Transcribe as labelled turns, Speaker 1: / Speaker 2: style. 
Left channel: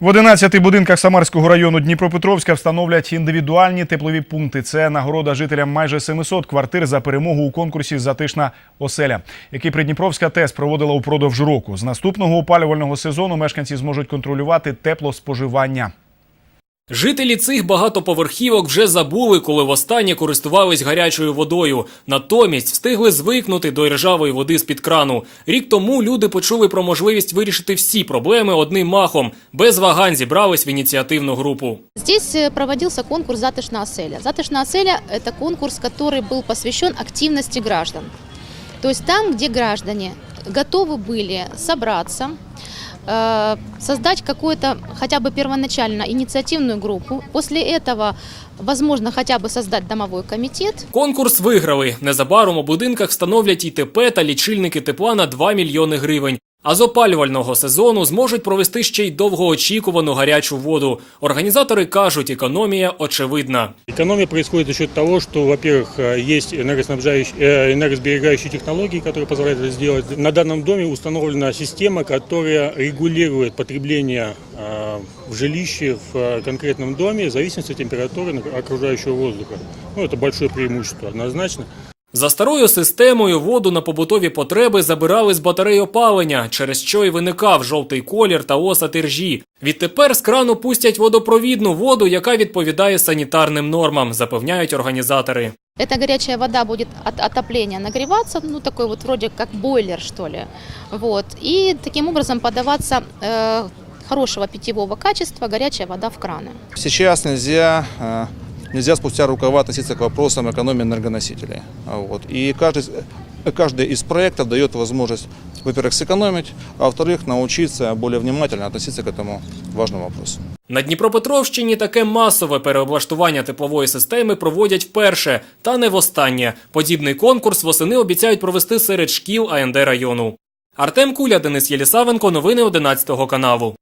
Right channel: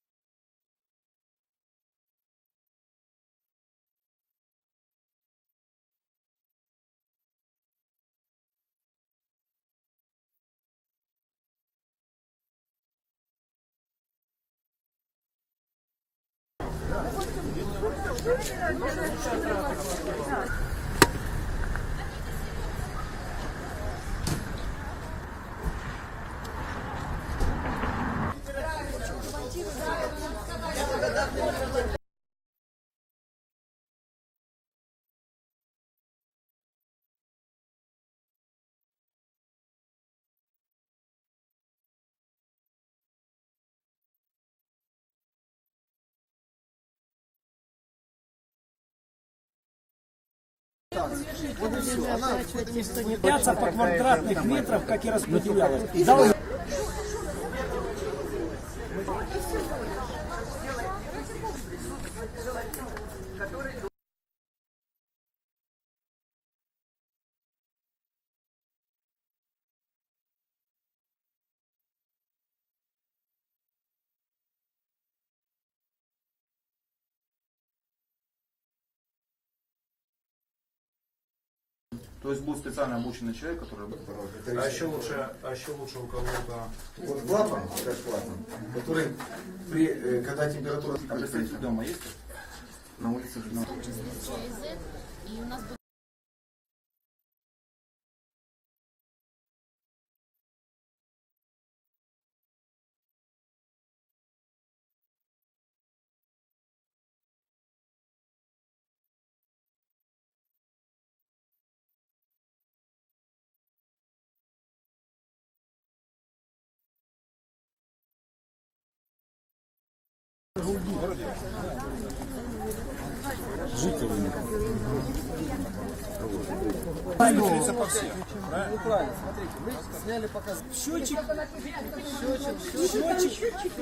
Speaker 1: В 11 будинках Самарського району Дніпропетровська встановлять індивідуальні теплові пункти. Це нагорода жителям майже 700 квартир за перемогу у конкурсі Затишна оселя, який Придніпровська ТЕС проводила упродовж року. З наступного опалювального сезону мешканці зможуть контролювати теплоспоживання.
Speaker 2: Жителі цих багатоповерхівок вже забули, коли востаннє користувались гарячою водою. Натомість встигли звикнути до ржавої води з-під крану. Рік тому люди почули про можливість вирішити всі проблеми одним махом. Без вагань зібрались в ініціативну групу.
Speaker 3: Здесь э, проводился конкурс «Затышна оселя». «Затышна оселя» – это конкурс, который был посвящен активности граждан. То есть там, где граждане готовы были собраться, э, создать какую-то хотя бы первоначально инициативную группу. После этого, возможно, хотя бы создать домовой комитет.
Speaker 2: Конкурс виграли. Незабаром у будинках встановлять ІТП та лічильники тепла на 2 мільйони гривень. А з опалювального сезону зможуть провести ще й довгоочікувану гарячу воду. Організатори кажуть, економія очевидна.
Speaker 4: Экономия происходит за счет того, что, во-первых, э, есть энергоснабжающие, э, энергосберегающие технологии, которые позволяют это сделать. На данном доме установлена система, которая регулирует потребление э, в жилище, в э, конкретном доме, в зависимости от температуры окружающего воздуха. Ну, это большое преимущество, однозначно.
Speaker 2: За старою системою воду на побутові потреби забирали з батарей опалення, через що й виникав жовтий колір та осад іржі. Відтепер з крану пустять водопровідну воду, яка відповідає санітарним нормам, запевняють організатори.
Speaker 3: Эта горячая вода будет от отопления нагреваться, ну такой вот вроде как бойлер, что ли. Вот. И таким образом подаваться э, хорошего питьевого качества горячая вода в краны.
Speaker 5: Сейчас нельзя, э, нельзя спустя рукава относиться к вопросам экономии энергоносителей. А Вот. И каждый, из- каждый из проектов дает возможность, во-первых, сэкономить, а во-вторых, научиться более внимательно относиться к этому важному вопросу.
Speaker 2: На Дніпропетровщині таке масове переоблаштування теплової системи проводять вперше, та не востаннє. Подібний конкурс восени обіцяють провести серед шкіл АНД району. Артем Куля, Денис Єлісавенко, новини 11 каналу.